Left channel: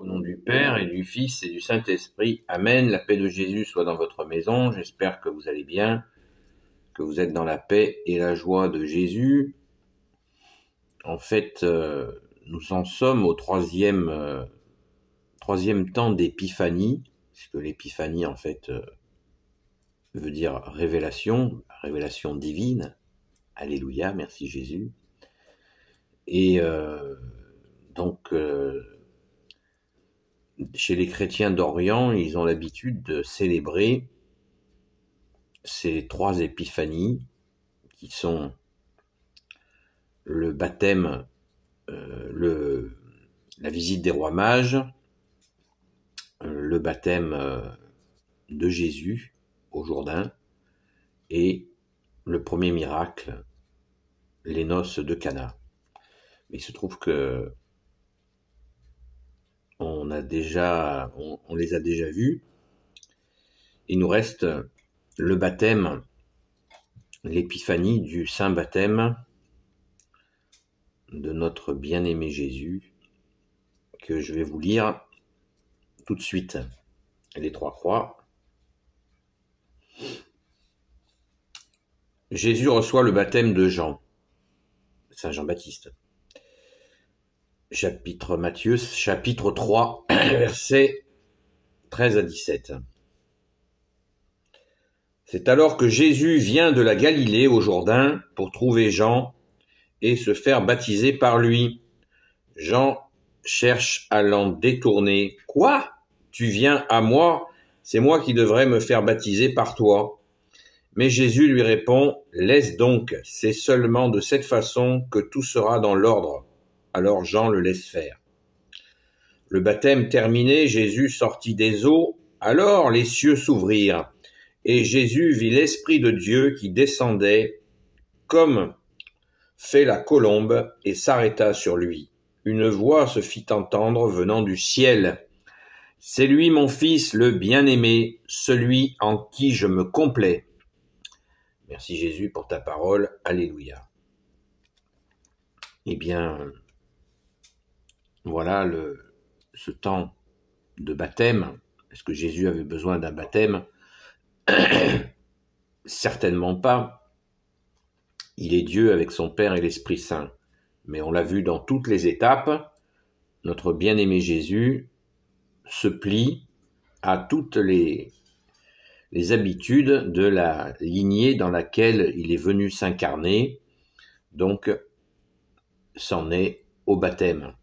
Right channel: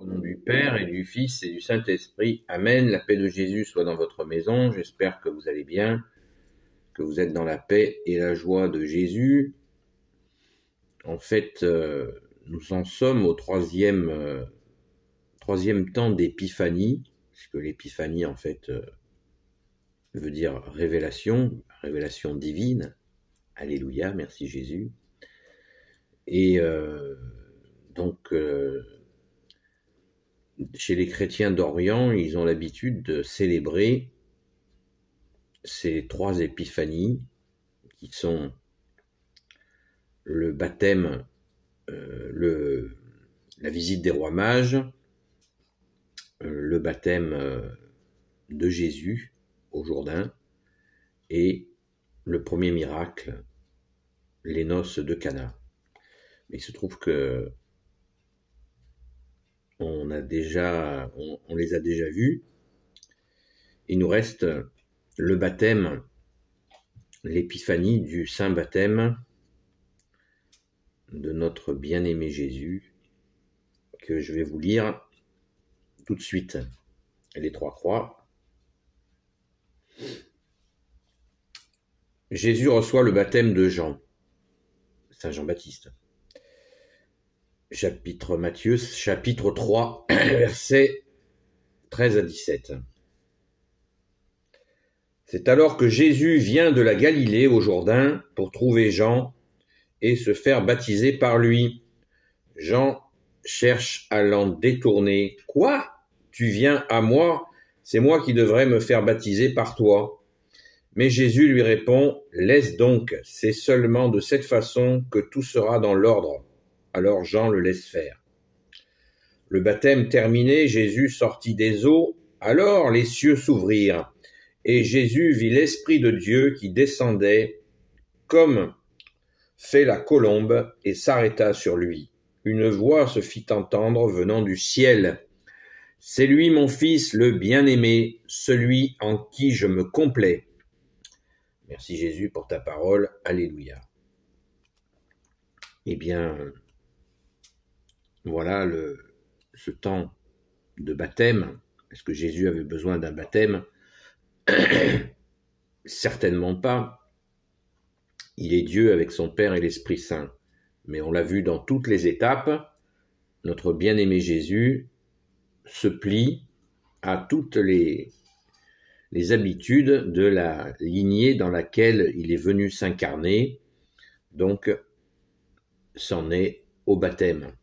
Au nom du Père et du Fils et du Saint-Esprit. Amen. La paix de Jésus soit dans votre maison. J'espère que vous allez bien, que vous êtes dans la paix et la joie de Jésus. En fait, nous en sommes au troisième temps d'épiphanie, puisque l'épiphanie, en fait, veut dire révélation divine. Alléluia, merci Jésus. Et donc, chez les chrétiens d'Orient, ils ont l'habitude de célébrer ces trois épiphanies qui sont le baptême, la visite des rois mages, le baptême de Jésus au Jourdain et le premier miracle, les noces de Cana. Mais il se trouve que on les a déjà vus. Il nous reste le baptême, l'épiphanie du saint baptême de notre bien-aimé Jésus, que je vais vous lire tout de suite. Les trois croix. Jésus reçoit le baptême de Jean, Saint Jean-Baptiste. Matthieu, chapitre 3, versets 13 à 17. C'est alors que Jésus vient de la Galilée au Jourdain pour trouver Jean et se faire baptiser par lui. Jean cherche à l'en détourner. « Quoi ? Tu viens à moi ? C'est moi qui devrais me faire baptiser par toi. » Mais Jésus lui répond, « Laisse donc, c'est seulement de cette façon que tout sera dans l'ordre. » Alors Jean le laisse faire. Le baptême terminé, Jésus sortit des eaux, alors les cieux s'ouvrirent, et Jésus vit l'Esprit de Dieu qui descendait comme fait la colombe et s'arrêta sur lui. Une voix se fit entendre venant du ciel. « C'est lui mon Fils le bien-aimé, celui en qui je me complais. » Merci Jésus pour ta parole. Alléluia. Eh bien, voilà ce temps de baptême. Est-ce que Jésus avait besoin d'un baptême ? Certainement pas. Il est Dieu avec son Père et l'Esprit Saint. Mais on l'a vu dans toutes les étapes, notre bien-aimé Jésus se plie à toutes les habitudes de la lignée dans laquelle il est venu s'incarner. Donc, c'en est au baptême.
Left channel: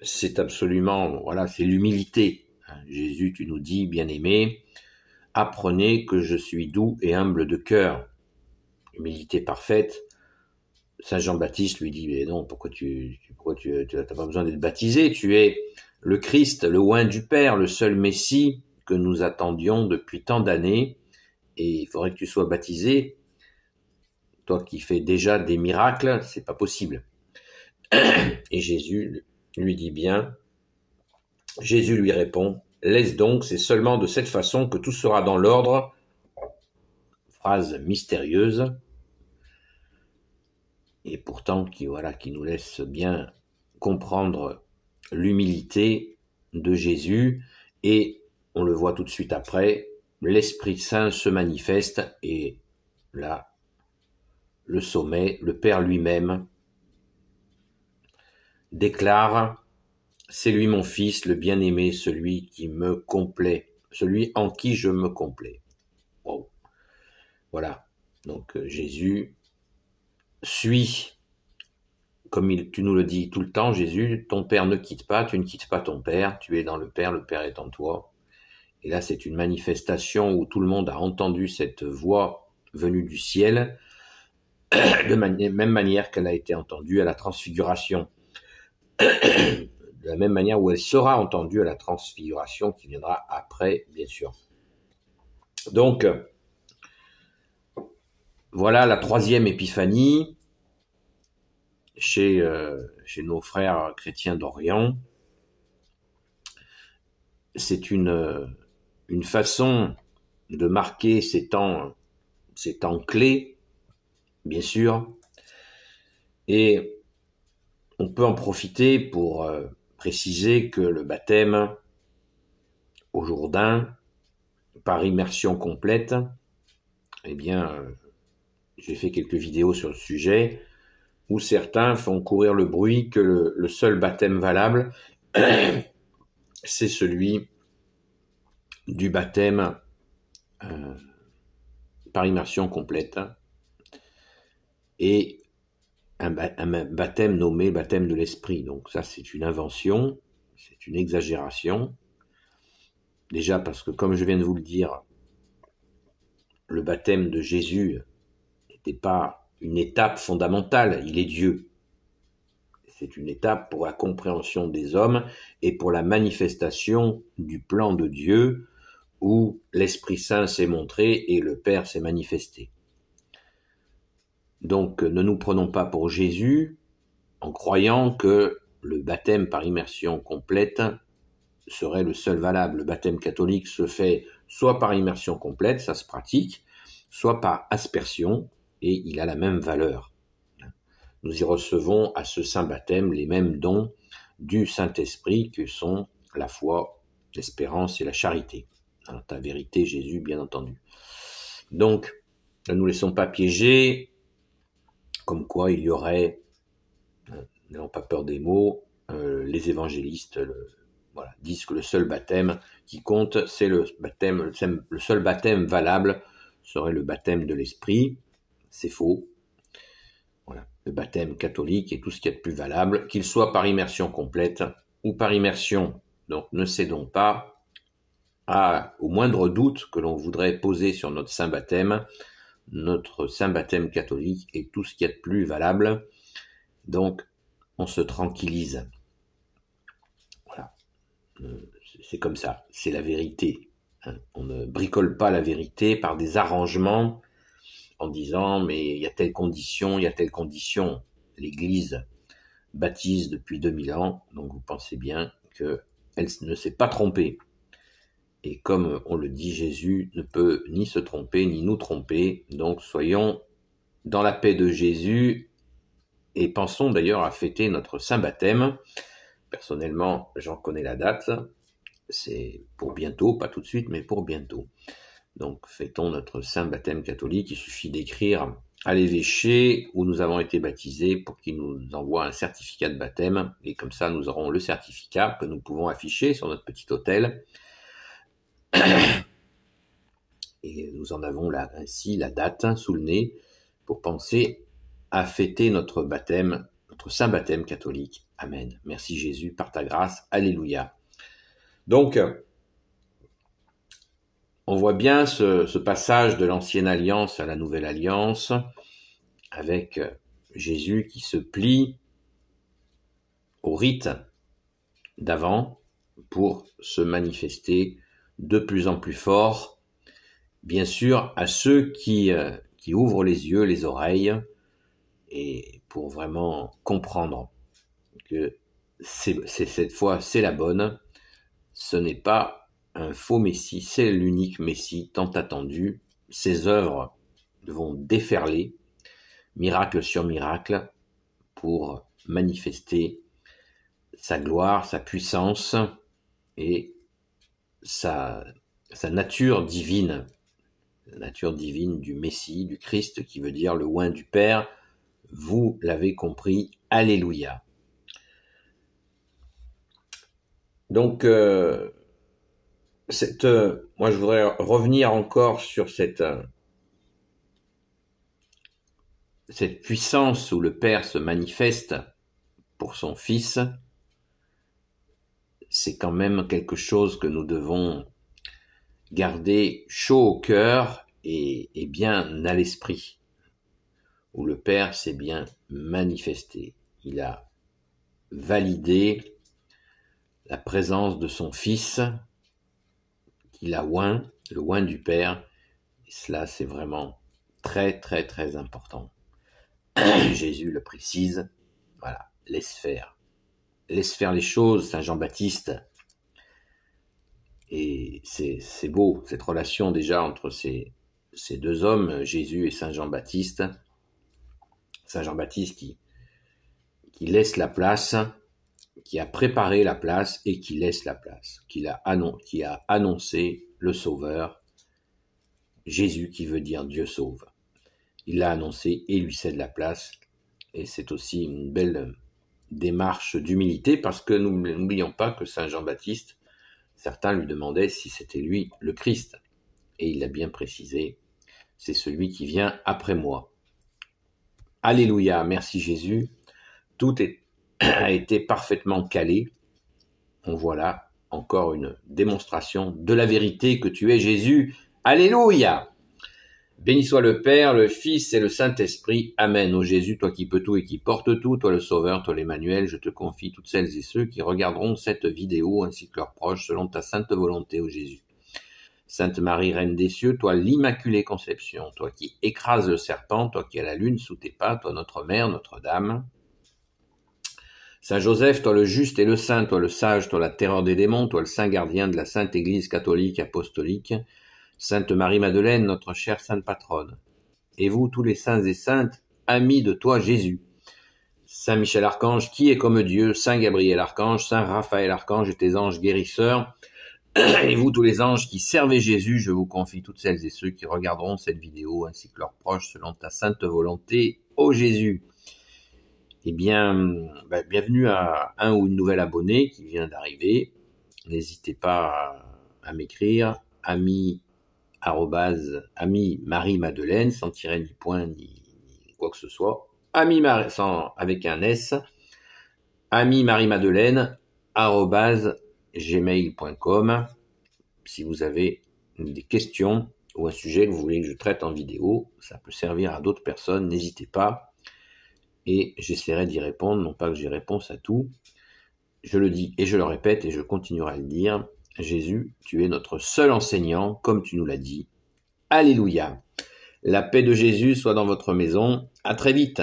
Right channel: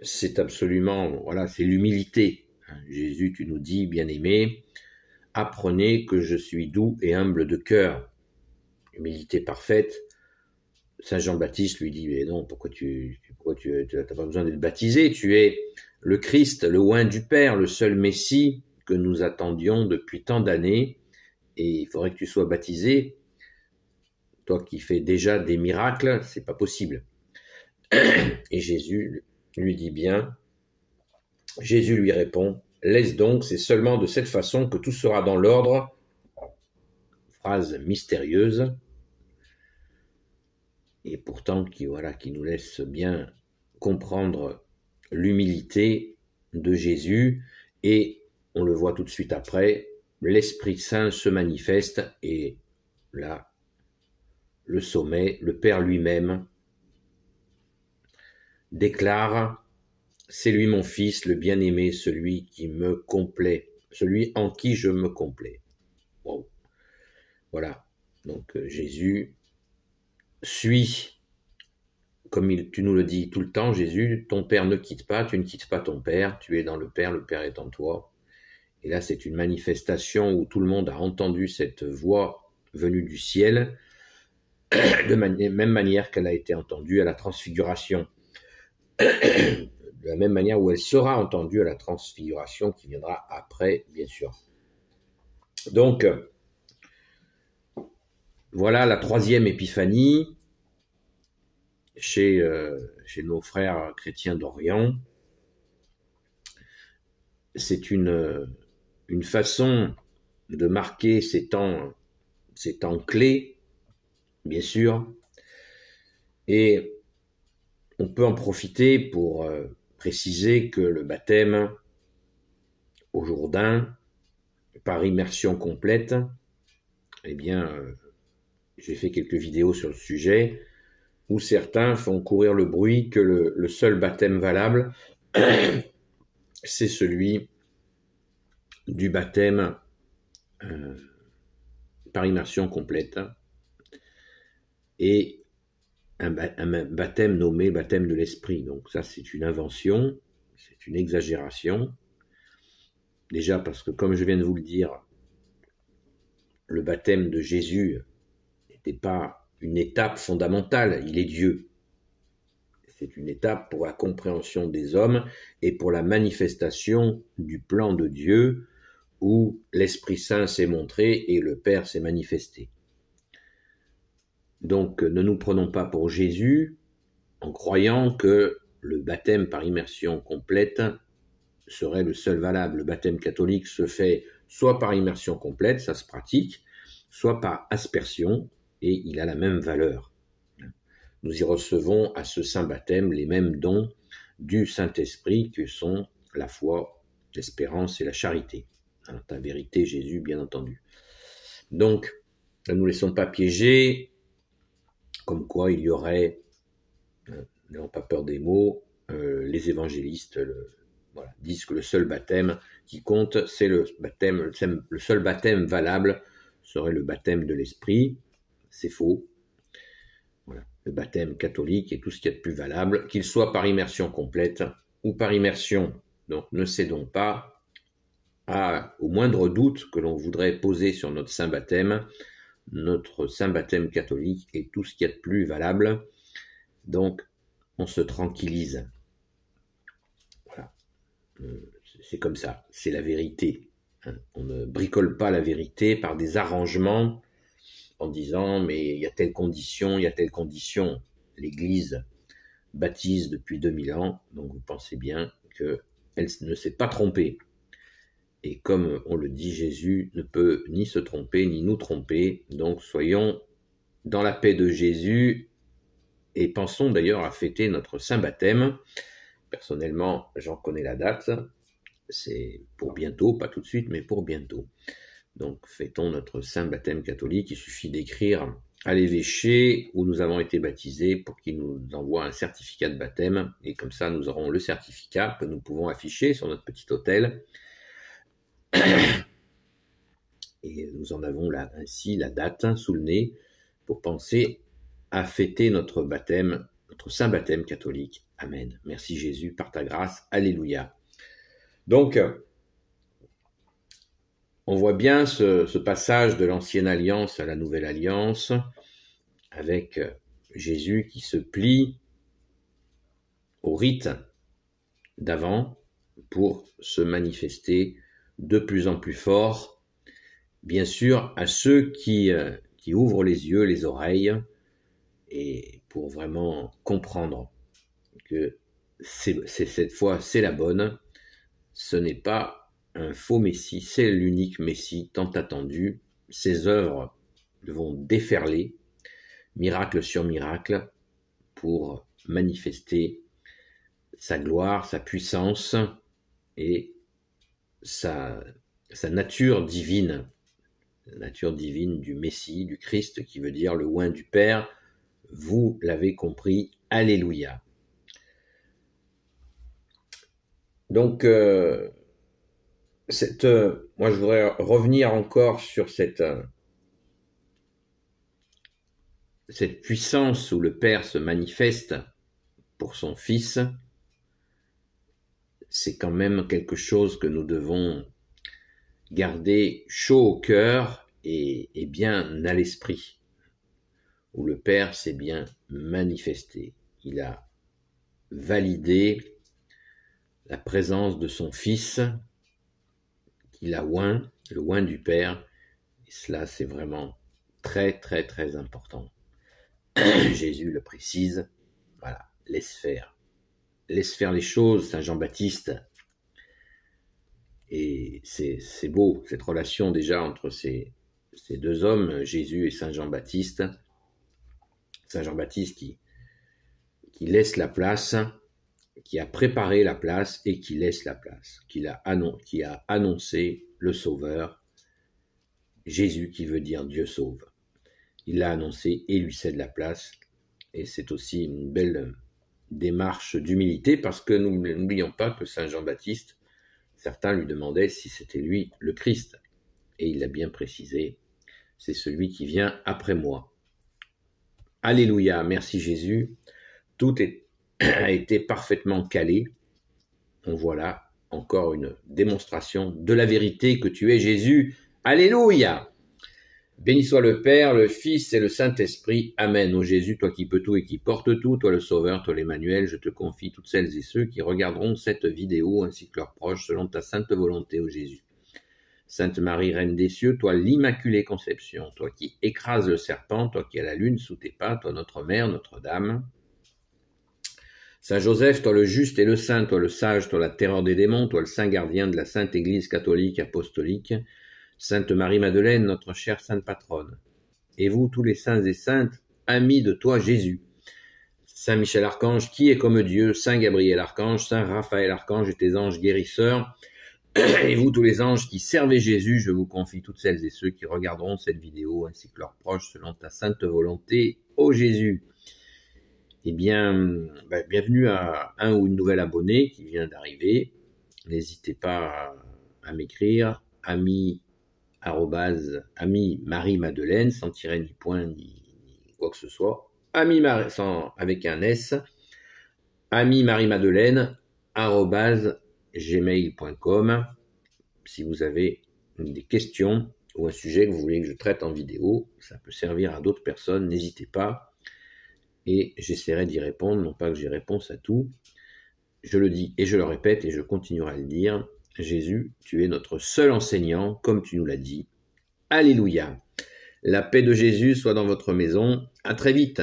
C'est absolument, c'est l'humilité. Jésus, tu nous dis, bien-aimé, apprenez que je suis doux et humble de cœur. Humilité parfaite. Saint Jean-Baptiste lui dit, mais non, pourquoi tu n'as pas besoin d'être baptisé, tu es le Christ, le oint du Père, le seul Messie que nous attendions depuis tant d'années, et il faudrait que tu sois baptisé. Toi qui fais déjà des miracles, c'est pas possible. Et Jésus lui dit bien, Jésus lui répond, laisse donc, c'est seulement de cette façon que tout sera dans l'ordre. Phrase mystérieuse, et pourtant qui nous laisse bien comprendre l'humilité de Jésus, et on le voit tout de suite après, l'Esprit Saint se manifeste, et là, le sommet, le Père lui-même déclare, c'est lui mon Fils, le bien-aimé, celui qui me complaît, celui en qui je me complais. Wow. Voilà, donc Jésus suit, comme tu nous le dis tout le temps, Jésus, ton Père ne quitte pas, tu ne quittes pas ton Père, tu es dans le Père est en toi. Et là, c'est une manifestation où tout le monde a entendu cette voix venue du ciel, de même manière qu'elle a été entendue à la transfiguration. De la même manière où elle sera entendue à la transfiguration qui viendra après, bien sûr. Donc, voilà la troisième épiphanie chez nos frères chrétiens d'Orient. C'est une façon de marquer ces temps clés, bien sûr, et on peut en profiter pour préciser que le baptême au Jourdain, par immersion complète, eh bien, j'ai fait quelques vidéos sur le sujet, où certains font courir le bruit que le seul baptême valable, c'est celui du baptême par immersion complète, et un baptême nommé baptême de l'esprit. Donc ça, c'est une invention, c'est une exagération. Déjà parce que, comme je viens de vous le dire, le baptême de Jésus n'était pas une étape fondamentale, il est Dieu. C'est une étape pour la compréhension des hommes et pour la manifestation du plan de Dieu où l'Esprit Saint s'est montré et le Père s'est manifesté. Donc ne nous prenons pas pour Jésus en croyant que le baptême par immersion complète serait le seul valable. Le baptême catholique se fait soit par immersion complète, ça se pratique, soit par aspersion, et il a la même valeur. Nous y recevons à ce saint baptême les mêmes dons du Saint-Esprit que sont la foi, l'espérance et la charité. Dans ta vérité, Jésus, bien entendu. Donc, ne nous laissons pas piéger, comme quoi il y aurait, n'ayons pas peur des mots, les évangélistes disent que le seul baptême qui compte, c'est le seul baptême valable serait le baptême de l'Esprit. C'est faux. Voilà. Le baptême catholique est tout ce qu'il y a de plus valable, qu'il soit par immersion complète ou par immersion. Donc ne cédons pas au moindre doute que l'on voudrait poser sur notre saint baptême. Notre saint baptême catholique est tout ce qu'il y a de plus valable. Donc on se tranquillise. Voilà. C'est comme ça, c'est la vérité. On ne bricole pas la vérité par des arrangements en disant mais il y a telle condition, il y a telle condition. L'Église baptise depuis 2000 ans, donc vous pensez bien qu'elle ne s'est pas trompée. Et comme on le dit, Jésus ne peut ni se tromper ni nous tromper, donc soyons dans la paix de Jésus et pensons d'ailleurs à fêter notre saint baptême. Personnellement, j'en connais la date, c'est pour bientôt, pas tout de suite, mais pour bientôt. Donc fêtons notre saint baptême catholique. Il suffit d'écrire à l'évêché où nous avons été baptisés pour qu'il nous envoie un certificat de baptême, et comme ça nous aurons le certificat que nous pouvons afficher sur notre petit autel, et nous en avons là ainsi la date sous le nez pour penser à fêter notre baptême, notre saint baptême catholique. Amen. Merci Jésus, par ta grâce. Alléluia. Donc, on voit bien ce passage de l'ancienne alliance à la nouvelle alliance, avec Jésus qui se plie au rite d'avant pour se manifester de plus en plus fort, bien sûr, à ceux qui ouvrent les yeux, les oreilles, et pour vraiment comprendre que cette fois, c'est la bonne. Ce n'est pas un faux Messie, c'est l'unique Messie tant attendu. Ses œuvres vont déferler, miracle sur miracle, pour manifester sa gloire, sa puissance et sa nature divine. La nature divine du Messie, du Christ, qui veut dire le oint du Père. Vous l'avez compris, alléluia. Donc, moi je voudrais revenir encore sur cette puissance où le Père se manifeste pour son Fils. C'est quand même quelque chose que nous devons garder chaud au cœur et bien à l'esprit, où le Père s'est bien manifesté. Il a validé la présence de son Fils, qu'il a oint, le oint du Père, et cela c'est vraiment très très très important. Jésus le précise, voilà, laisse faire les choses, Saint Jean-Baptiste. Et c'est beau, cette relation déjà entre ces deux hommes, Jésus et Saint Jean-Baptiste. Saint Jean-Baptiste qui laisse la place, qui a préparé la place et qui laisse la place, qui a annoncé le Sauveur, Jésus qui veut dire Dieu sauve. Il l'a annoncé et lui cède la place. Et c'est aussi une belle démarche d'humilité parce que n'oublions pas que Saint Jean-Baptiste, certains lui demandaient si c'était lui le Christ. Et il l'a bien précisé, c'est celui qui vient après moi. Alléluia, merci Jésus. Tout a été parfaitement calé. On voit là encore une démonstration de la vérité que tu es Jésus. Alléluia. Béni soit le Père, le Fils et le Saint-Esprit. Amen. Ô Jésus, toi qui peux tout et qui portes tout, toi le Sauveur, toi l'Emmanuel, je te confie toutes celles et ceux qui regarderont cette vidéo ainsi que leurs proches selon ta sainte volonté, ô Jésus. Sainte Marie, Reine des cieux, toi l'Immaculée Conception, toi qui écrases le serpent, toi qui as la lune sous tes pas, toi notre Mère, Notre-Dame. Saint Joseph, toi le juste et le saint, toi le sage, toi la terreur des démons, toi le saint gardien de la Sainte Église catholique apostolique. Sainte Marie-Madeleine, notre chère sainte patronne. Et vous, tous les saints et saintes, amis de toi, Jésus. Saint Michel Archange, qui est comme Dieu, Saint Gabriel Archange, Saint Raphaël Archange et tes anges guérisseurs. Et vous, tous les anges qui servez Jésus, je vous confie toutes celles et ceux qui regarderont cette vidéo, ainsi que leurs proches, selon ta sainte volonté, ô Jésus. Eh bien, bienvenue à un ou une nouvelle abonnée qui vient d'arriver. N'hésitez pas à m'écrire, ami Marie-Madeleine, sans tirer ni point ni quoi que ce soit, avec un S, ami Marie-Madeleine @gmail.com. Si vous avez des questions ou un sujet que vous voulez que je traite en vidéo, ça peut servir à d'autres personnes, n'hésitez pas et j'essaierai d'y répondre, non pas que j'ai réponse à tout. Je le dis et je le répète et je continuerai à le dire. Jésus, tu es notre seul enseignant, comme tu nous l'as dit. Alléluia. La paix de Jésus soit dans votre maison. À très vite.